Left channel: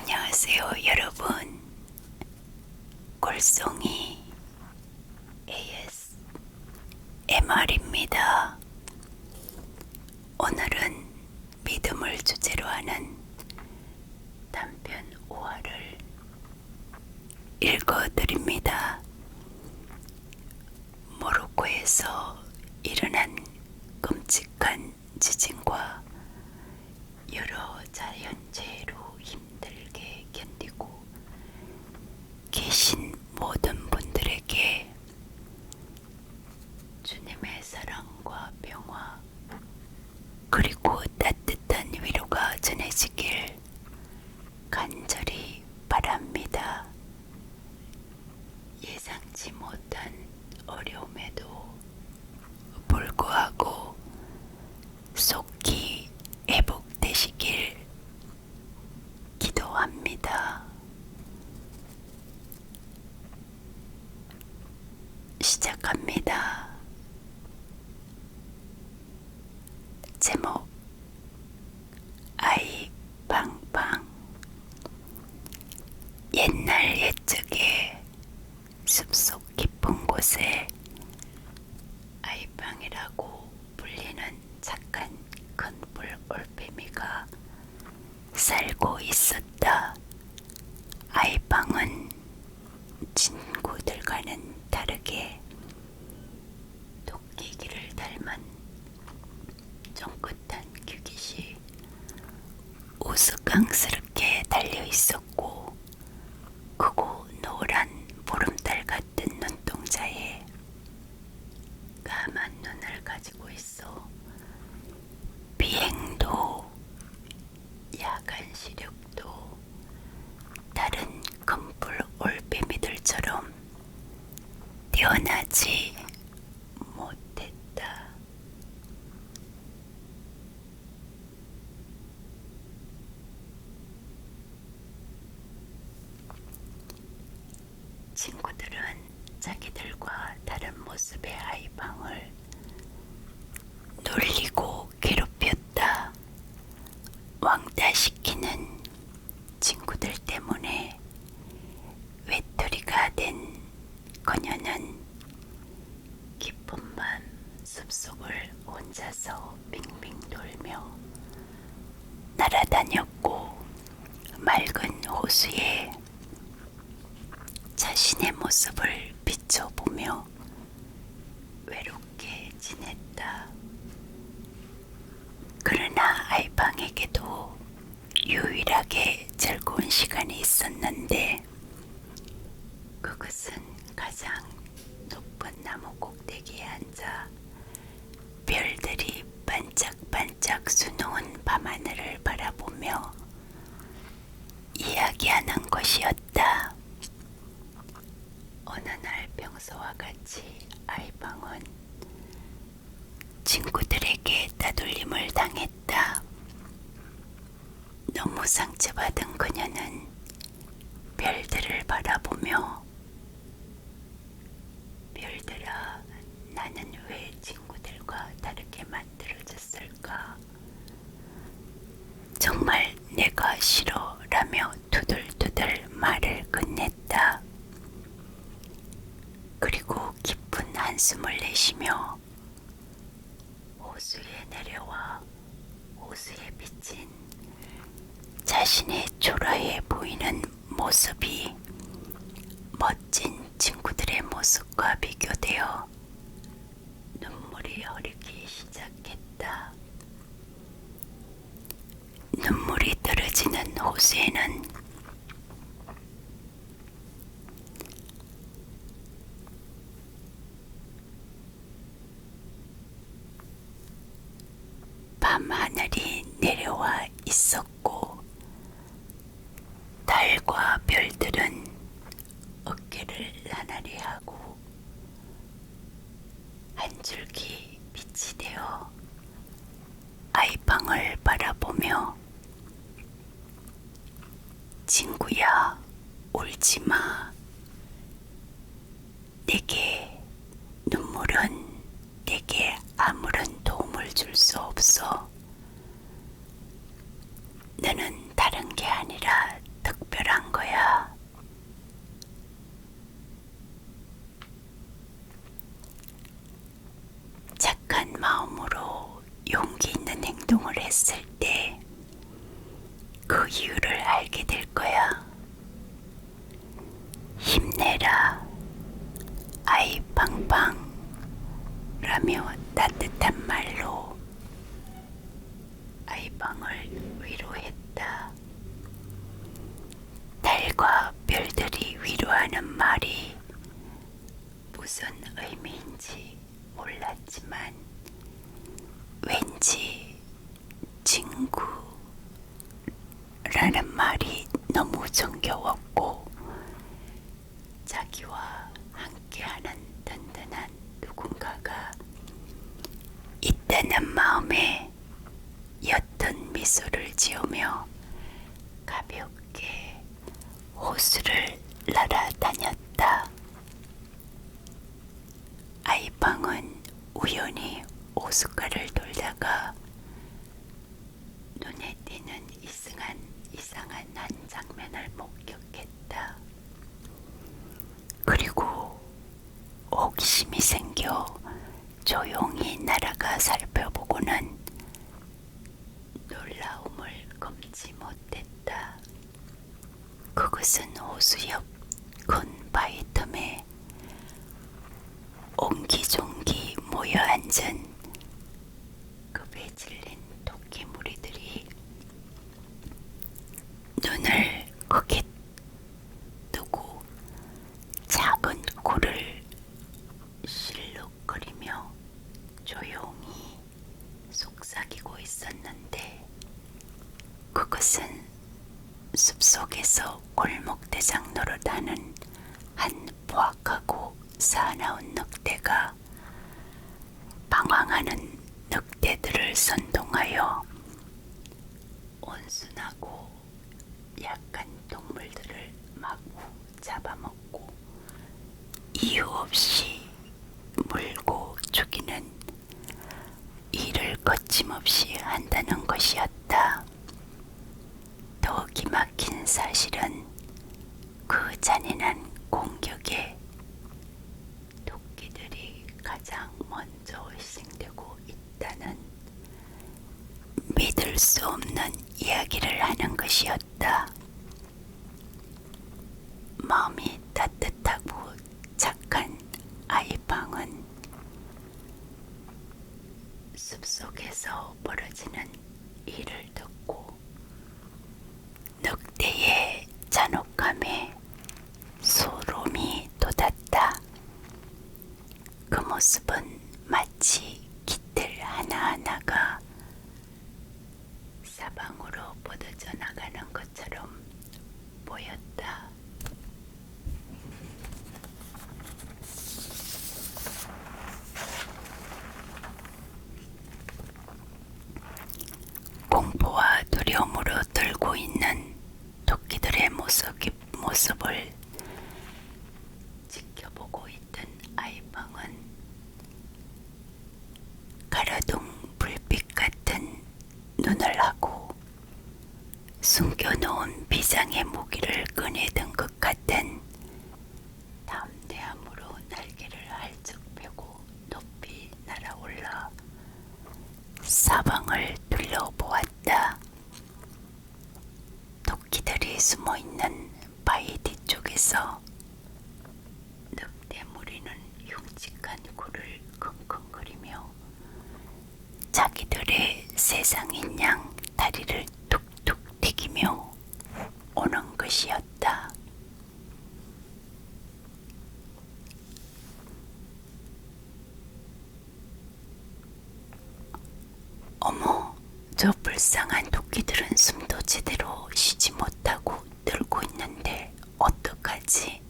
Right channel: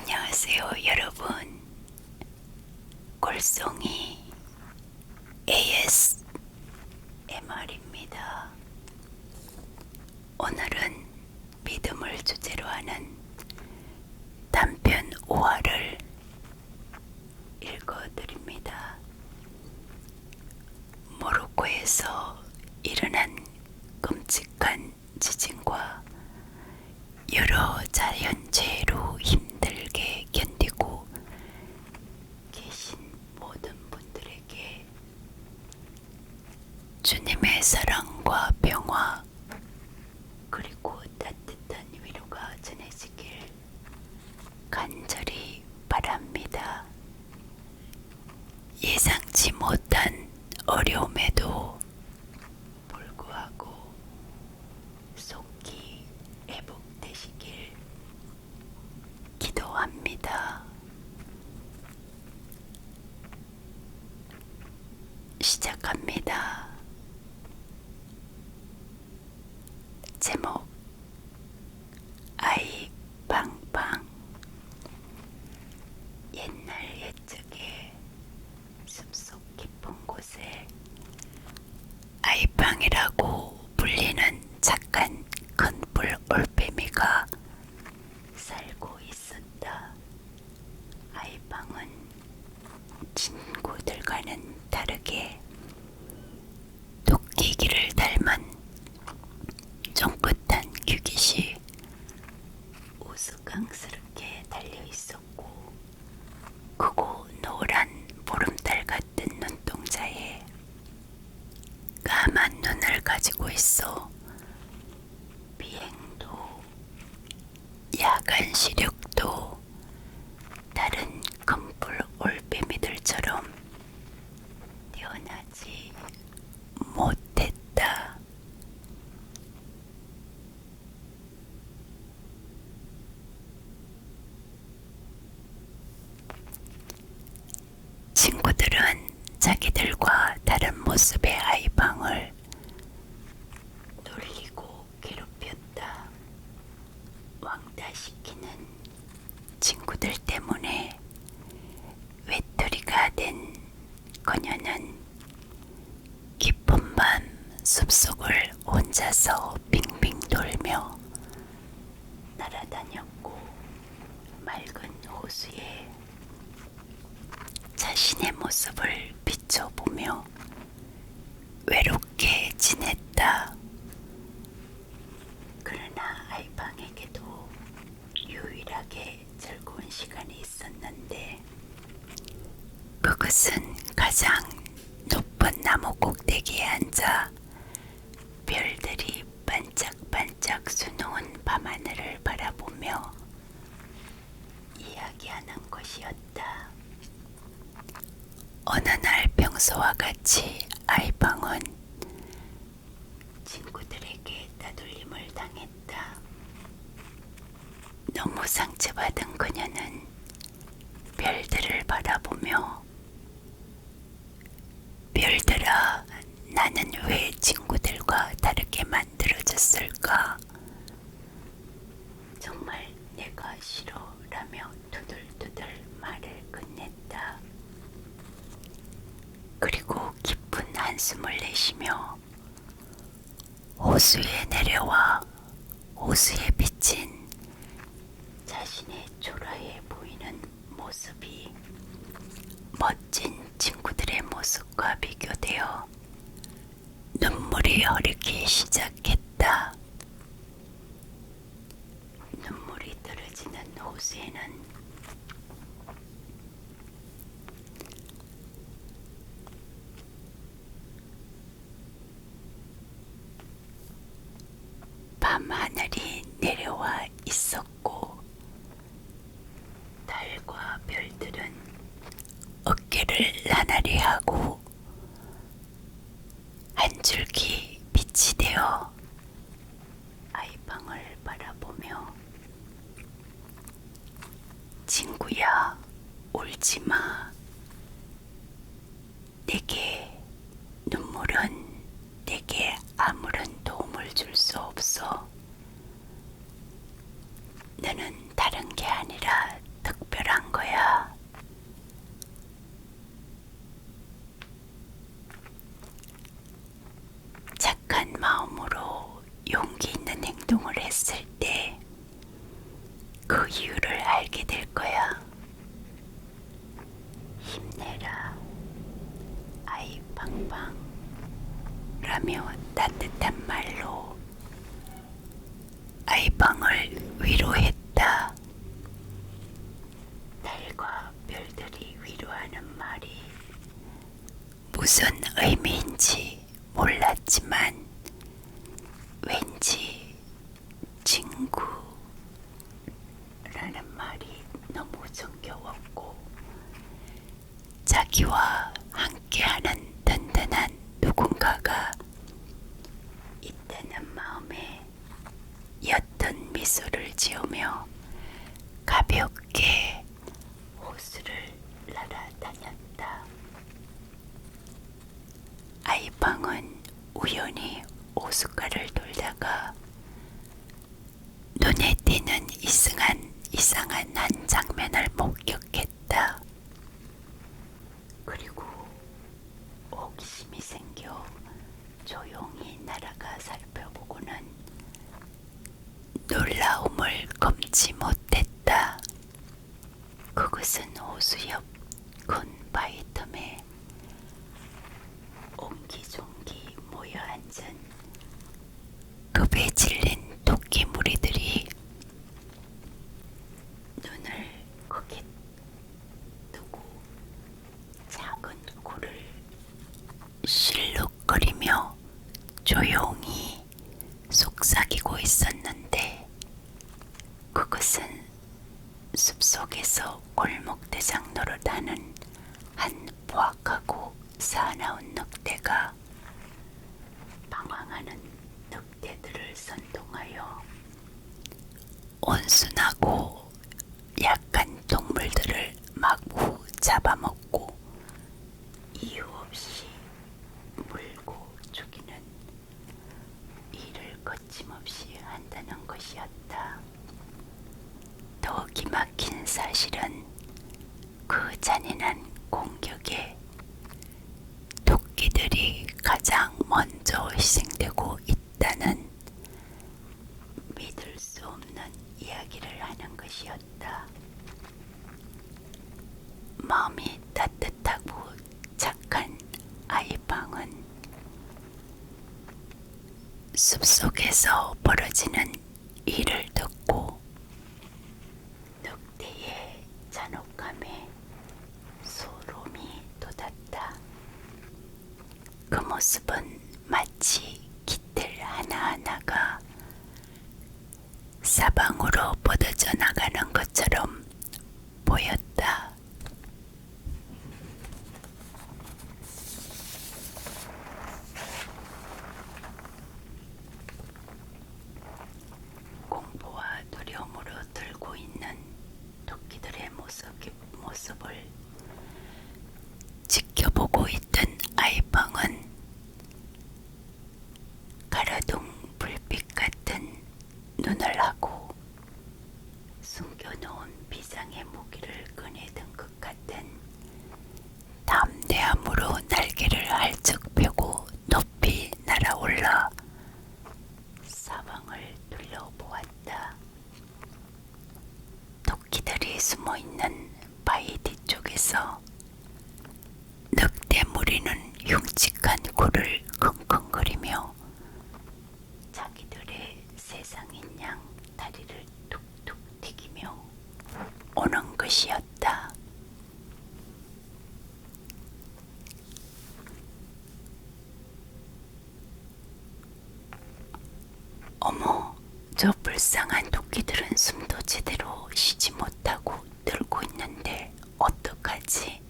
안녕하세요, 여러분. 골송이 ASMR입니다. 오늘은 믿음을 주제로 하는 단편 5화를 읽어드립니다. 모로코에서 일어난 끔찍한 지진과 여러 자연재해로 힘들게 견디고 계신 모든 분들에게 주님의 사랑과 평화 그리고 따뜻한 위로가 전해지길 간절히 바랍니다. 예상치 못한 어려움에도 불구하고 속히 회복되시길 기도합니다. 시작합니다. 제목 아이 방방. 옛날 옛적에 숲속 깊은 곳에 아이방이라고 불리는 착한 큰불 올빼미가 살고 있었다. 아이방은 친구들과는 다르게 토끼기를 닮은 쫑긋한 귀깃이 우스꽝스럽게 달려있었고 크고 노란 보름달 같은 눈동자에 까만 눈을 가지고 있어 비행도 야간 시력도 다른 큰불 올빼미들처럼 뛰어나지 못했다. 친구들은 자기들과 다른 모습의 아이방을 놀리고 괴롭혔다. 왕따시키는 친구들 때문에 외톨이가 된 그녀는 깊은 밤 숲속을 혼자서 빙빙 돌며 날아다녔고 맑은 호수에 자신의 모습을 비춰보며 외롭게 지냈다. 그러나 아이방에게도 유일하게 즐거운 시간이 있었는데 그것은 가장 높은 나무 꼭대기에 앉아 별들이 반짝반짝 수놓은 밤하늘을 바라보며 이야기하는 것이었다. 어느 날 평소와 같이 아이방은 친구들에게 따돌림을 당했다. 너무 상처받은 그녀는 별들을 바라보며 별들아, 나는 왜 친구들과 다르게 만들어졌을까? 정말 내가 싫어 라며 투덜투덜 말을 끝냈다. 그리고 깊은 한숨을 내쉬며 호수에 내려와 호수에 비친 자신의 초라해 보이는 모습이 멋진 친구들의 모습과 비교되어 눈물이 흐르기 시작했다. 눈물이 떨어지는 호수에는 밤하늘이 내려와 있었고 달과 별들은 어깨를 나날이 하고 한 줄기 빛이 되어 아이방을 바라보며 친구야, 울지마. 내게 눈물은 내게 아무런 도움을 줄 수 없어. 너는 다른 게 아니라 그 이유를 알게 될 거야. 힘내라, 아이 팡팡 라며 따뜻한 말로 아이팡을 위로했다. 달과 별들이 위로하는 말이 무슨 의미인지 몰랐지만 왠지 친구라는 말이 너무 정겨웠고 자기와 함께하는 든든한 누군가가 있다는 마음에 옅은 미소를 지으며 가볍게 호수를 날아다녔다. 아이팡은 우연히 호숫가를 돌다가 눈에 띄는 이상한 한 장면을 목격했다. 그리고 호기심이 생겨 조용히 날아가 살펴보고는 놀라움을 금치 못했다. 그것은 호수 옆 큰 바위 틈에 옹기종기 모여 앉은 급에 질린 토끼 무리들이 눈을 크게 뜨고 작은 코를 실룩거리며 조용히 속삭이고 있었는데 그것은 숲속에서 골목대장 노릇하는 한 포악하고 사나운 늑대가 방황하는 늑대들을 선동하여 온순하고 약한 동물들을 마구 잡아먹고 이유 없이 물고 죽이는 일을 거침없이 한다는 것이었다. 더 기막힌 사실은 그 잔인한 공격에 토끼들이 가장 먼저 희생되고 있다는 믿을 수 없는 이야기를 하는 것이었다. 마음이 따뜻하고 착한 아이팡은 숲속에서 벌어지는 일을 듣고 늑대의 잔혹함에 소름이 돋았다. 그 모습은 마치 깃들 하나하나가 사방으로 뻗어져 나가는 것처럼 보였다. 공포와 두려움으로 떨고 있는 토끼들의 모습을 지켜보고 있던 아이팡은 가라둥 불빛 같은 눈을 하고 숨겨놓은 비장의 무기를 꺼내든 것 같은 담대함으로 날개를 활짝 펴고 높이 날아올라 사방을 둘러보았다. 토끼들이 숨어있는 바위 뒤쪽에서 늑대 무리는 흉측한 코를 킁킁거리며 자기들의 세상인 양 다리를 툭툭 튀기며 오는 것이었다. 어머, 저 불쌍한 토끼들은 숨도 제대로 쉬지 못하고 떨고 있는데 어떡하지?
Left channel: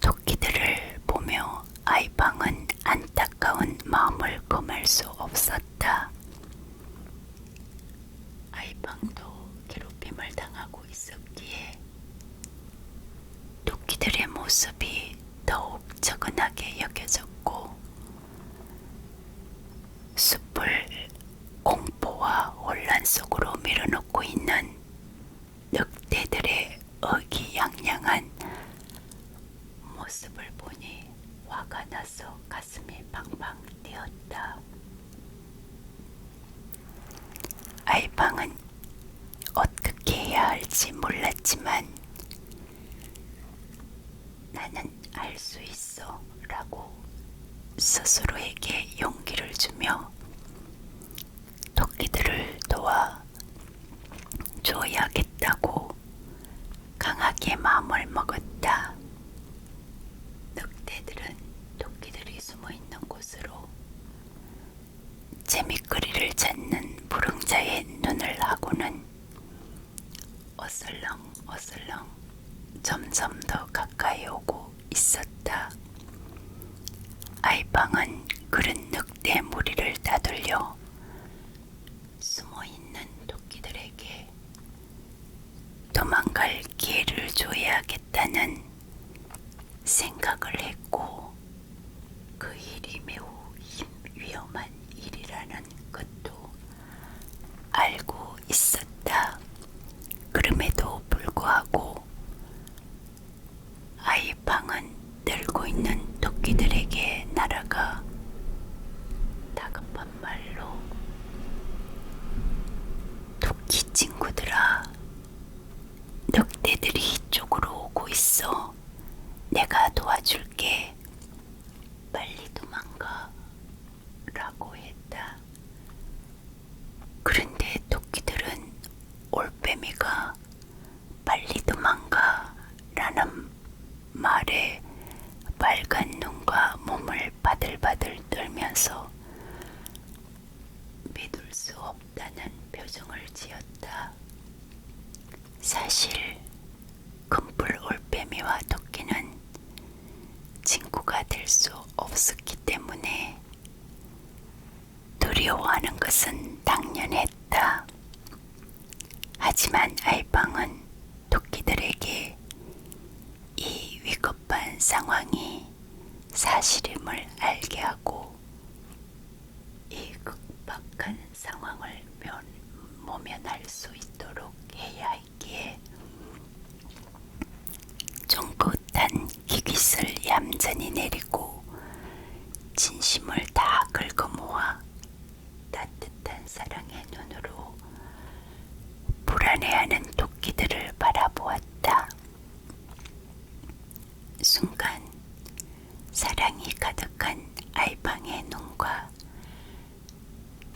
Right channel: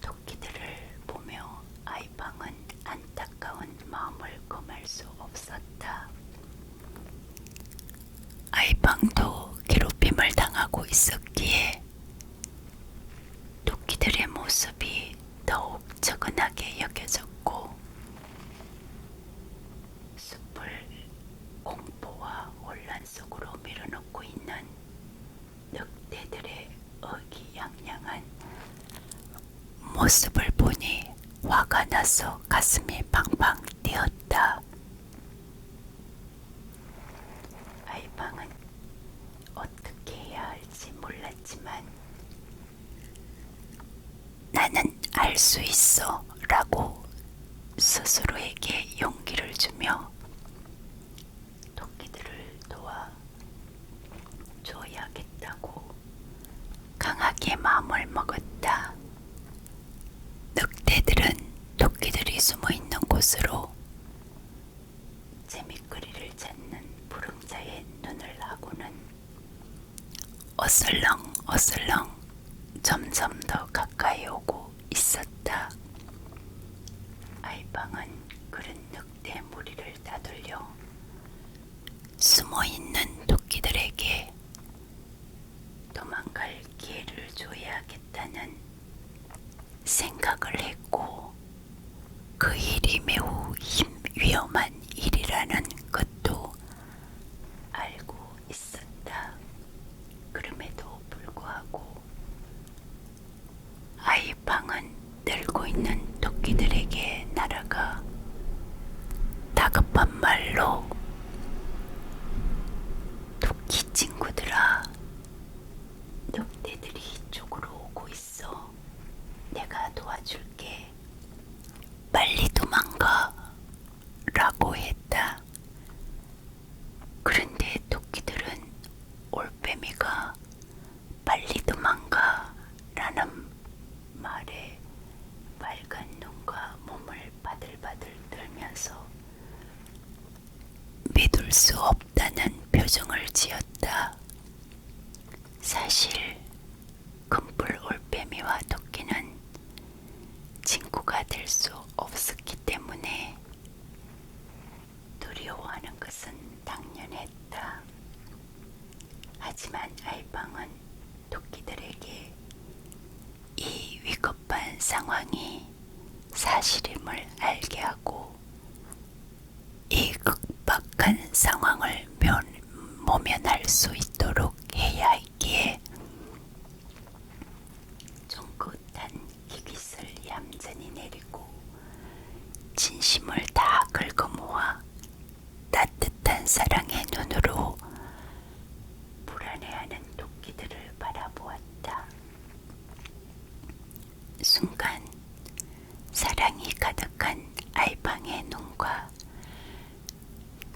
토끼들을 보며 아이팡은 안타까운 마음을 금할 수 없었다. 아이팡도 괴롭힘을 당하고 있었기에 토끼들의 모습이 더욱 적은하게 여겨졌고 숲을 공포와 혼란 속으로 밀어넣고 있는 늑대들의 의기양양한 모습을 보니 화가 나서 가슴이 팡팡 뛰었다. 아이방은 어떻게 해야 할지 몰랐지만 나는 할 수 있어 라고 스스로에게 용기를 주며 토끼들을 도와 줘야겠다고 강하게 마음을 먹었다. 늑대들은 토끼들이 숨어있는 곳으로 재미거리를 찾는 부릉자의 눈을 하고는 어슬렁어슬렁 점점 더 가까이 오고 있었다. 아이방은 그런 늑대 무리를 따돌려 숨어있는 토끼들에게 도망갈 기회를 줘야겠다는 생각을 했고 그 일이 매우 위험한 일이라는 것도 알고 있었다. 그럼에도 불구하고 아이방은 늘고 있는 토끼들에게 날아가 다급한 말로 토끼 친구들아, 늑대들이 이쪽으로 오고 있어. 내가 도와줄게. 빨리 도망가 라고 했다. 그런데 토끼들은 올빼미가 빨리 도망가 라는 말에 빨간 눈과 몸을 바들바들 떨면서 믿을 수 없다는 표정을 지었다. 사실 금뿔 올빼미와 토끼는 친구가 될 수 없었기 때문에 두려워하는 것은 당연했다. 하지만 아이방은 토끼들에게 이 위급한 상황이 사실임을 알게 하고 이 극박한 상황을 모면할 수 있도록 해야 했기에 쫑긋한 기깃을 얌전히 내리고 진심을 다 긁어모아 따뜻한 사랑의 눈으로 불안해하는 토끼들을 바라보았다. 순간 사랑이 가득한 아이방의 눈과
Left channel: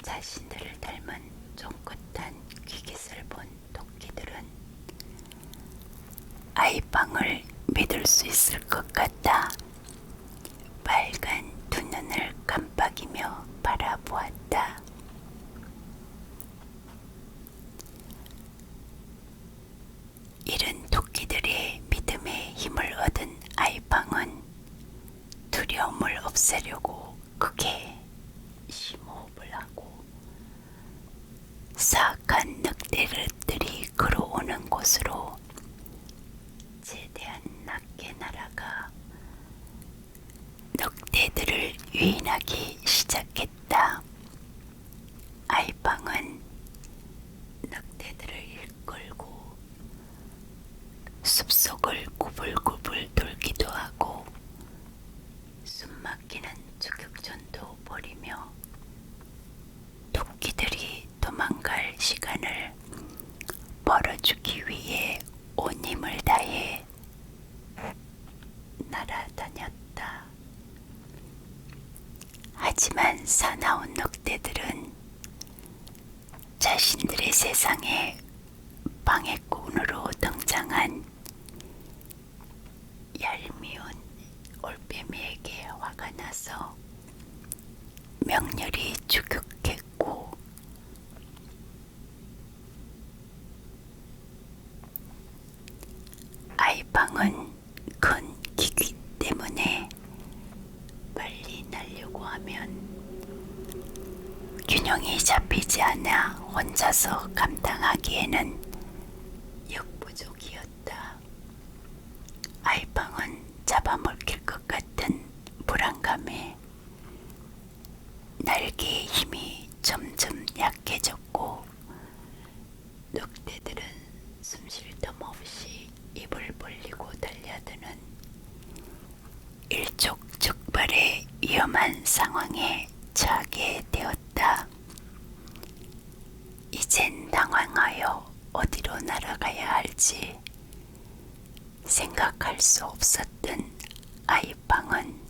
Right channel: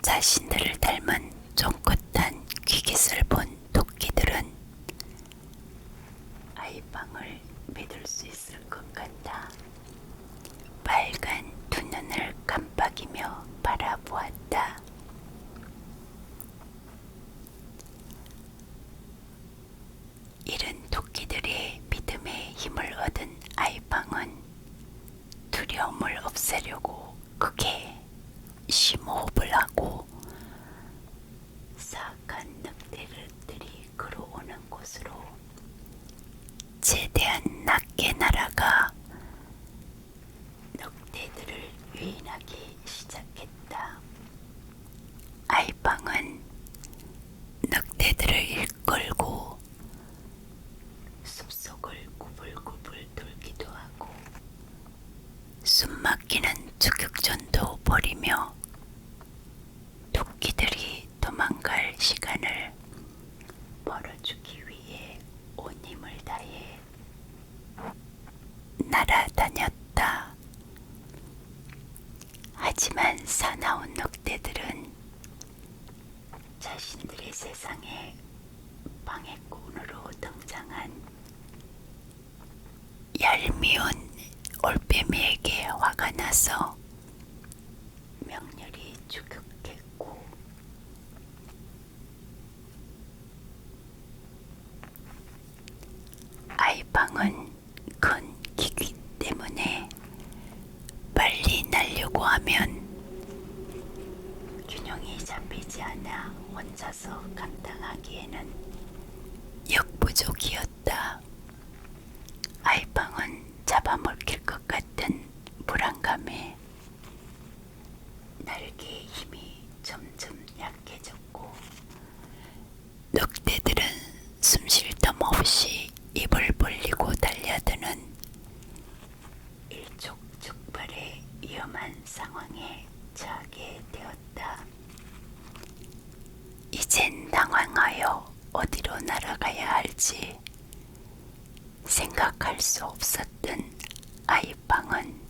자신들을 닮은 쫑긋한 귀깃을 본 토끼들은 아이방을 믿을 수 있을 것 같다. 빨간 두 눈을 깜빡이며 바라보았다. 이른 토끼들의 믿음에 힘을 얻은 아이방은 두려움을 없애려고 크게 심호흡을 하고 사악한 늑대들이 걸어오는 곳으로 최대한 낮게 날아가 늑대들을 유인하기 시작했다. 아이방은 늑대들을 이끌고 숲속을 구불구불 돌기도 하고 숨막히는 추격전도 벌이며 토끼들이 도망갈 시간을 벌어주기 위해 온 힘을 다해 날아다녔다. 하지만 사나운 늑대들은 자신들의 세상에 방해꾼으로 등장한 얄미운 올빼미에게 화가 나서 명렬히 추격했고 아이방은 큰 기귀 때문에 빨리 날려고 하면 균형이 잡히지 않아 혼자서 감당하기에는 역부족이었다. 아이방은 잡아먹힐 것 같은 불안감에 날개의 힘이 점점 약해졌고 늑대들은 숨 쉴 틈 없이 입을 벌리고 달려드는 일촉즉발의 위험한 상황에 처하게 되었다. 이젠 어디로 날아가야 할지 생각할 수 없었던 아이방은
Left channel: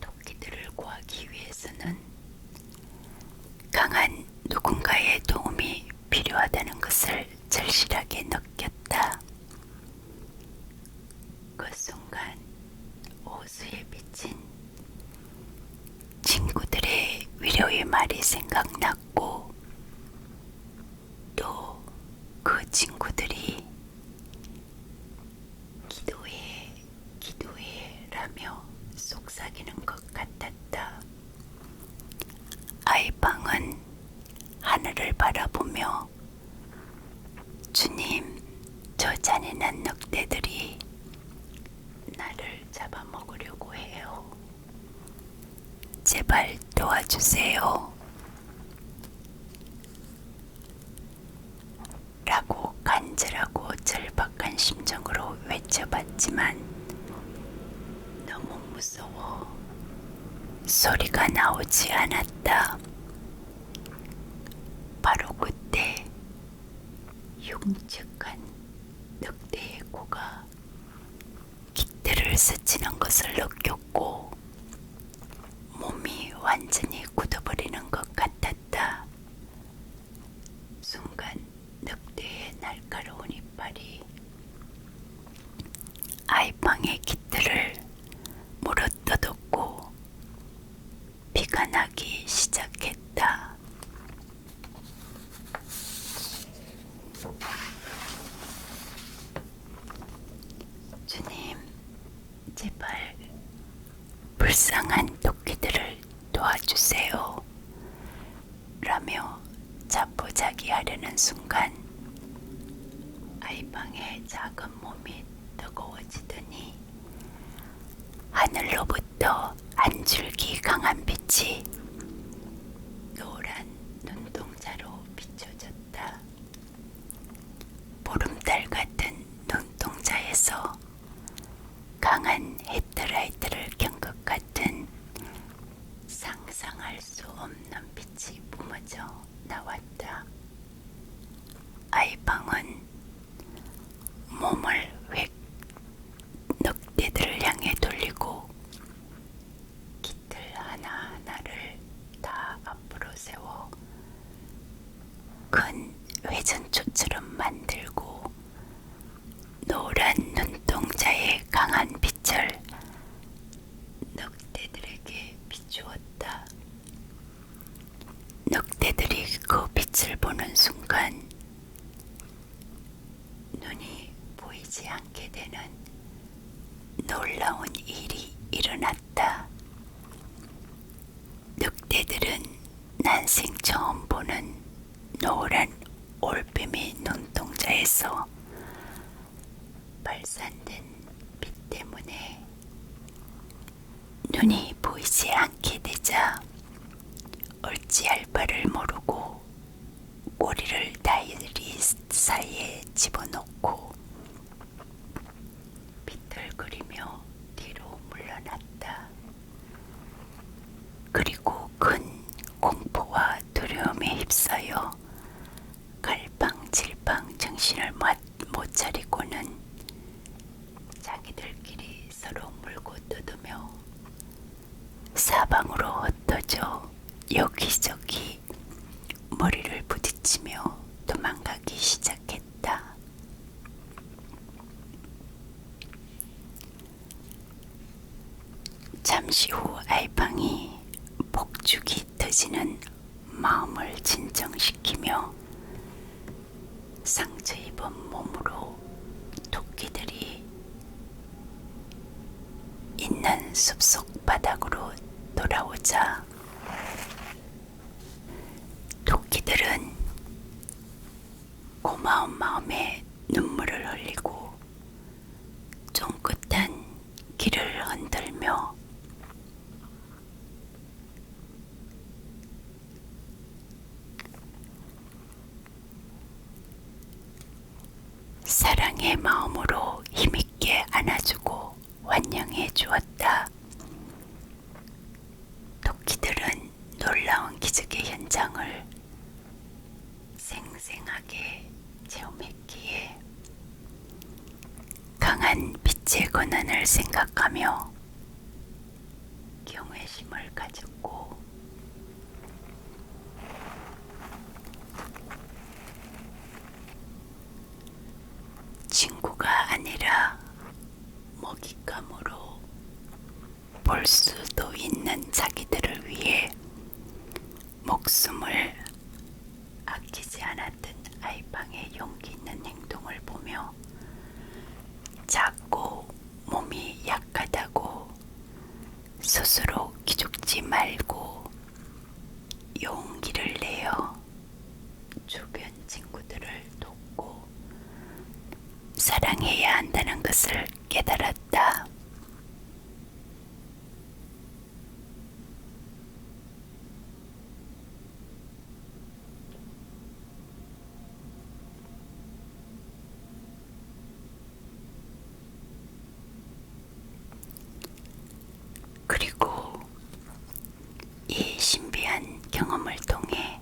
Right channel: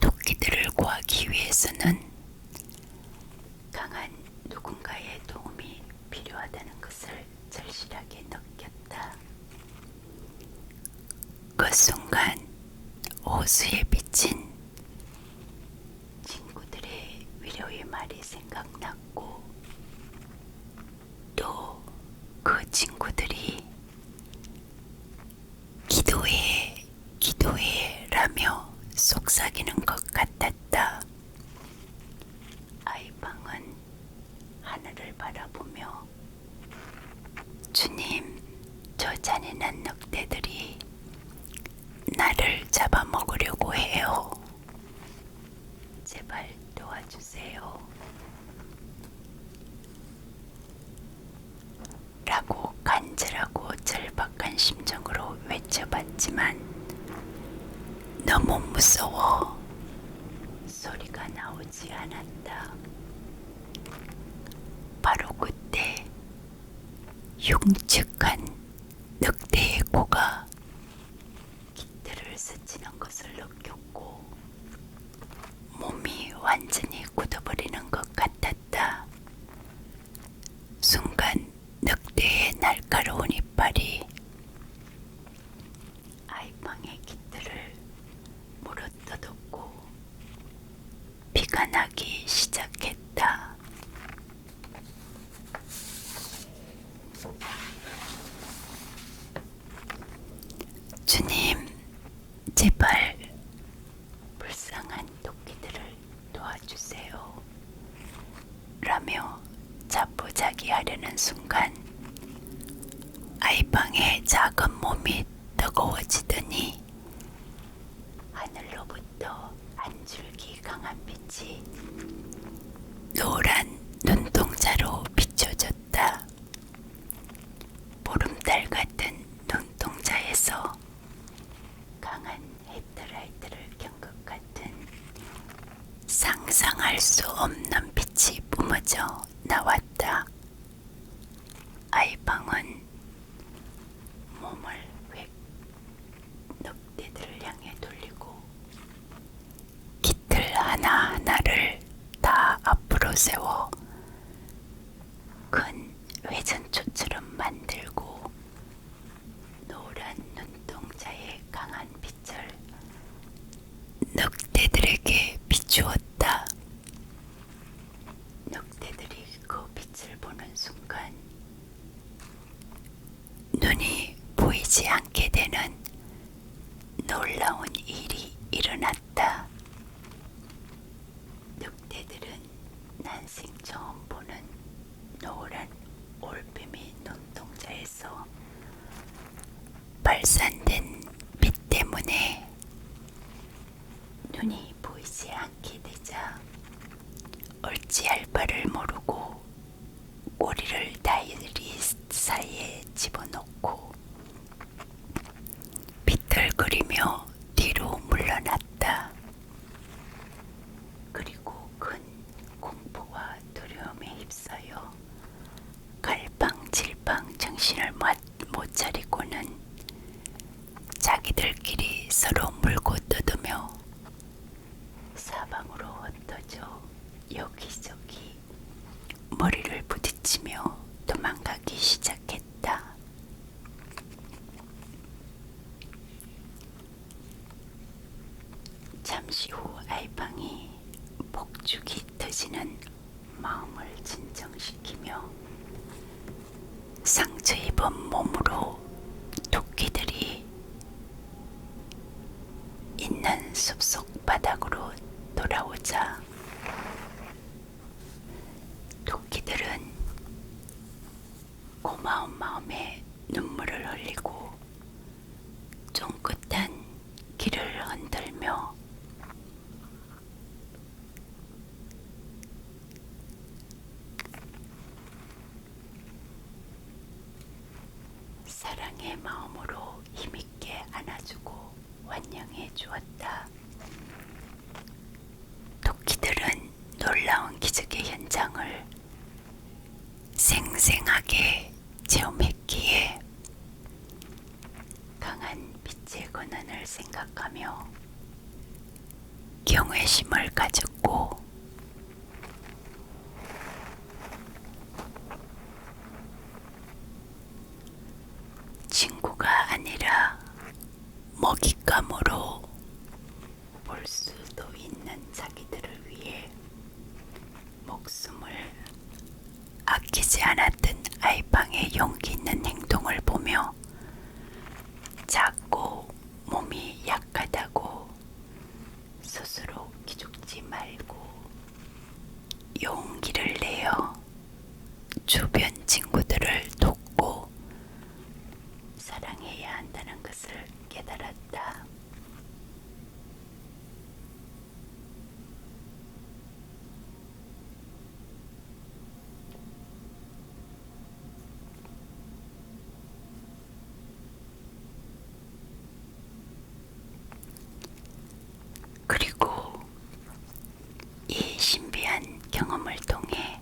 토끼들을 구하기 위해서는 강한 누군가의 도움이 필요하다는 것을 절실하게 느꼈다. 그 순간 호수에 비친 친구들의 위로의 말이 생각났고 또 그 친구들이 기도해, 기도해 라며 속삭이는 것 같았다. 아이방은 하늘을 바라보며 주님, 저 잔인한 늑대들이 나를 잡아먹으려고 해요. 제발 도와주세요. 라고 간절하고 절박한 심정으로 외쳐봤지만 너무 무서워 소리가 나오지 않았다. 바로 그때 흉측한 늑대의 코가 깃들을 스치는 것을 느꼈고 몸이 완전히 굳어버리는 것 같았다. 순간 늑대의 날카로운 이빨이 아이방의 깃들을 물어뜯었고 피가 나기 시작했다. 주님, 제발 불쌍한 토끼들을 도와주세요. 라며 자포자기하려는 순간 아이방의 작은 몸이 뜨거워지더니 하늘로부터 한 줄기 강한 빛이 노란 눈동자로 비춰졌다. 보름달 같은 눈동자에서 강한 헤드라이트를 켠 것 같은 상상할 수 없는 빛이 뿜어져 나왔다. 아이방은 몸을 획 늑대들을 향해 돌리고 깃들 하나하나를 다 앞으로 세워 큰 회전초처럼 만들고 노란 눈동자의 강한 빛을 늑대들에게 비추었다. 늑대들이 그 빛을 보는 순간 눈이 보이지 않게 되는 놀라운 일이 일어났다. 늑대들은 난생 처음 보는 노란 올빼미 눈동자에서 발산된 빛 때문에 눈이 보이지 않게 되자 어찌할 바를 모르고 꼬리를 다리 사이에 집어넣고 비틀거리며 뒤로 물러났다. 그리고 큰 공포와 두려움에 휩싸여 갈팡질팡 정신을 못 차리고는 자기들끼리 서로 물고 뜯으며 사방으로 흩어져 여기저기 머리를 부딪히며 도망가기 시작했다. 잠시 후 아이방이 폭죽이 터지는 마음을 진정시키며 상처 입은 몸으로 토끼들이 있는 숲속 바닥으로 돌아오자 토끼들은 고마운 마음에 눈물을 흘리고 쫑긋한 길을 흔들며 사랑의 마음으로 힘있게 안아주고 환영해 주었다. 토끼들은 놀라운 기적의 현장을 생생하게 체험했기에 강한 빛의 권한을 생각하며 경외심을 가졌고 친구가 아니라 먹잇감으로 볼 수도 있는 자기들을 위해 목숨을 아끼지 않았던 아이방의 용기 있는 행동을 보며 작고 몸이 약하다고 스스로 기죽지 말고 용기를 내어 주변 친구들을 돕고 사랑해야 한다는 것을 깨달았다. 그리고 이 신비한 경험을 통해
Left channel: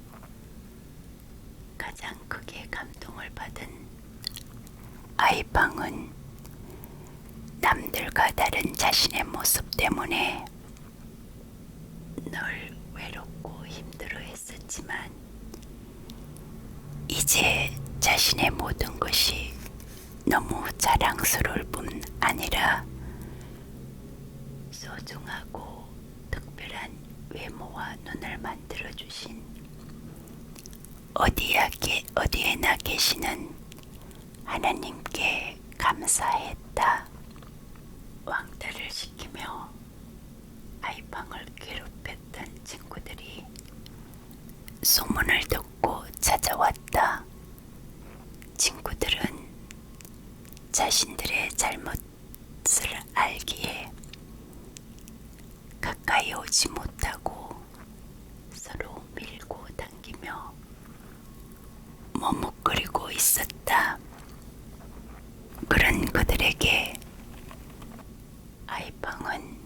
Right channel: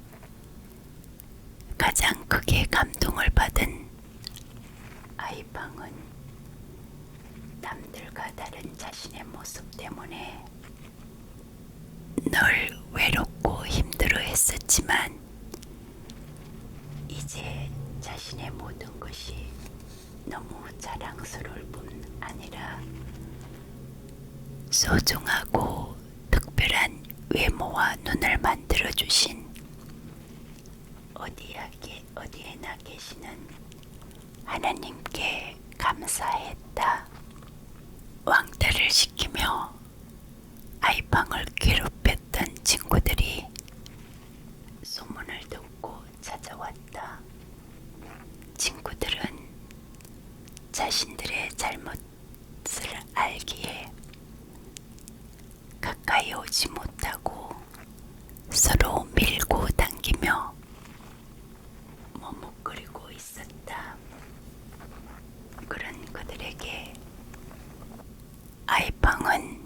가장 크게 감동을 받은 아이방은 남들과 다른 자신의 모습 때문에 늘 외롭고 힘들어 했었지만 이제 자신의 모든 것이 너무 자랑스러울 뿐 아니라 소중하고 특별한 외모와 눈을 만들어주신 어디에나 계시는 하나님께 감사했다. 왕따를 시키며 아이방을 괴롭혔던 친구들이 소문을 듣고 찾아왔다. 친구들은 자신들의 잘못을 알기에 가까이 오지 못하고 서로 밀고 당기며 머뭇거리고 있었다. 그런 그들에게 아이방은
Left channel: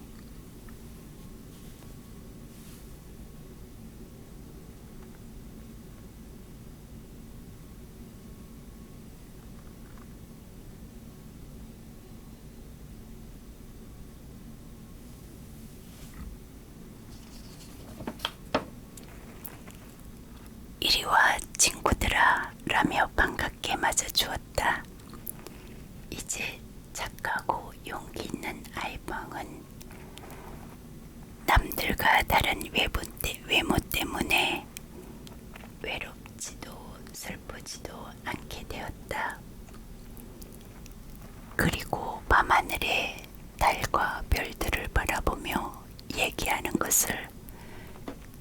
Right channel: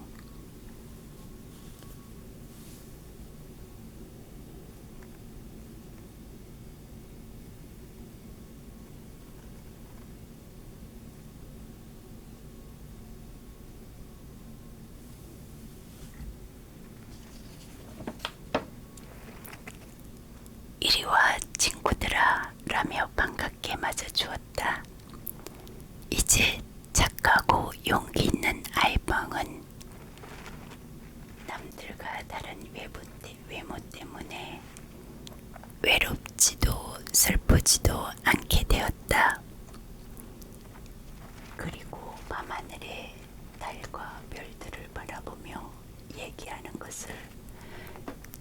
이리와 친구들아 라며 반갑게 맞아주었다. 이제 착하고 용기 있는 아이방은 남들과 다른 외모 때문에 외롭지도 슬프지도 않게 되었다. 그리고 밤하늘에 달과 별들을 바라보며 얘기하는 것을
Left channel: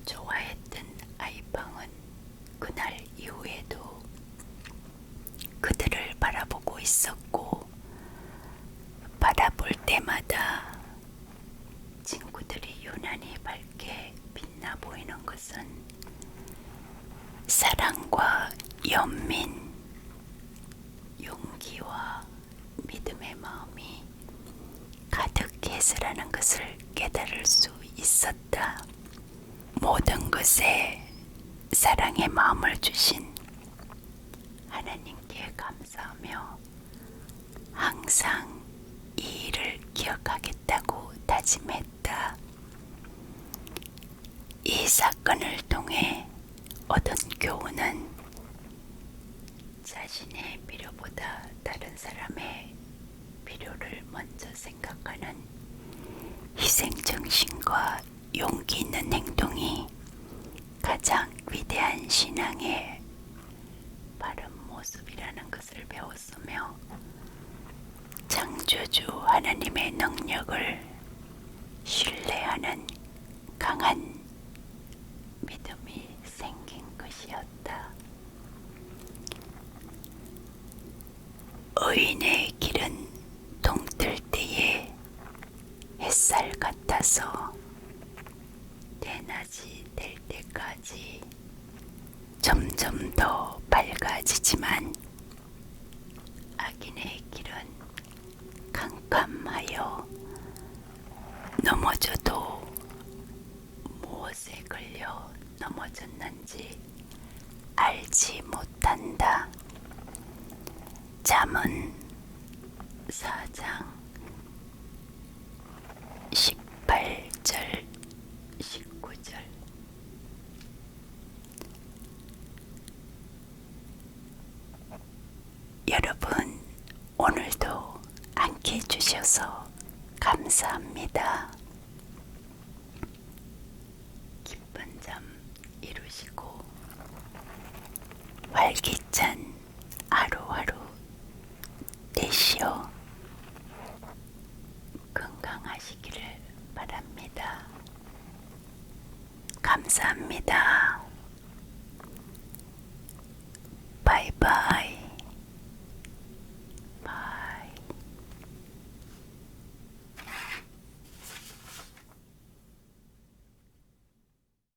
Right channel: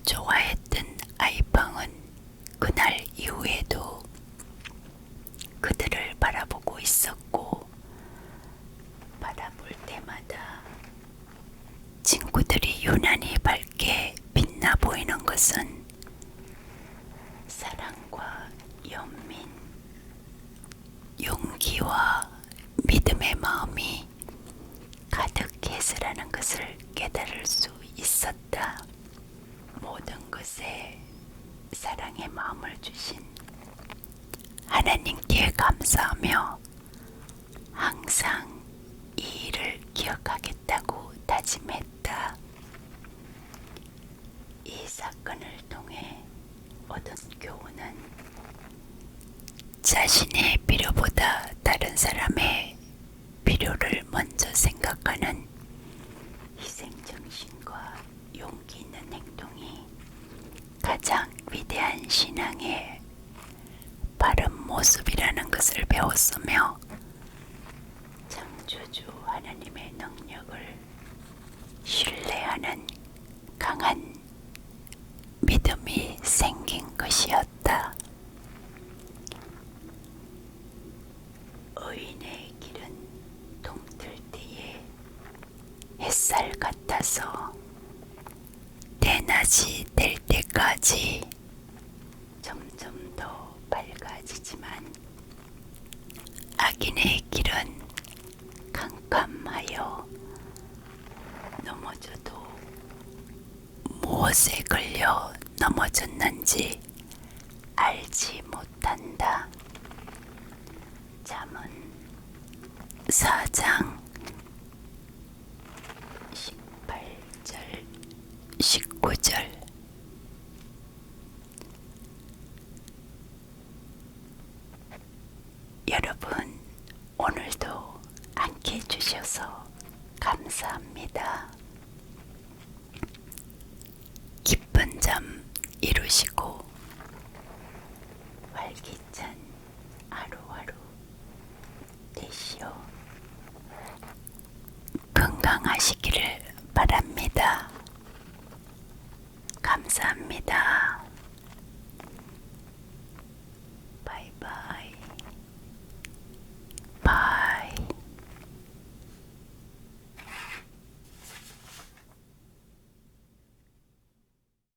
좋아했던 아이방은 그날 이후에도 그들을 바라보고 있었고 바라볼 때마다 친구들이 유난히 밝게 빛나 보이는 것은 사랑과 연민, 용기와 믿음의 마음이 가득해서라는 것을 깨달을 수 있었다. 모든 것에 사랑의 마음을 주신 하나님께 감사하며 항상 이 일을 기억하겠다고 다짐했다. 이 사건을 통해 얻은 교훈은 자신의 필요보다 다른 사람의 필요를 먼저 생각하는 희생정신과 용기 있는 행동이 가장 위대한 신앙의 바른 모습이라는 것을 배웠으며 창조주 하나님의 능력을 신뢰하는 강한 믿음이 생긴 것이었다. 의인의 길은 동뜰 때에 햇살 같아서 대낮이 될 때까지 점점 더 밝아지지만 악인의 길은 캄캄하여 넘어져도 무엇에 걸려 넘어졌는지 알지 못한다. 잠언 4장 18절 19절. 여러분, 오늘도 함께 해주셔서 감사합니다. 기쁜 잠 이루시고 활기찬 하루하루 되시어 건강하시기를 바랍니다. 감사합니다.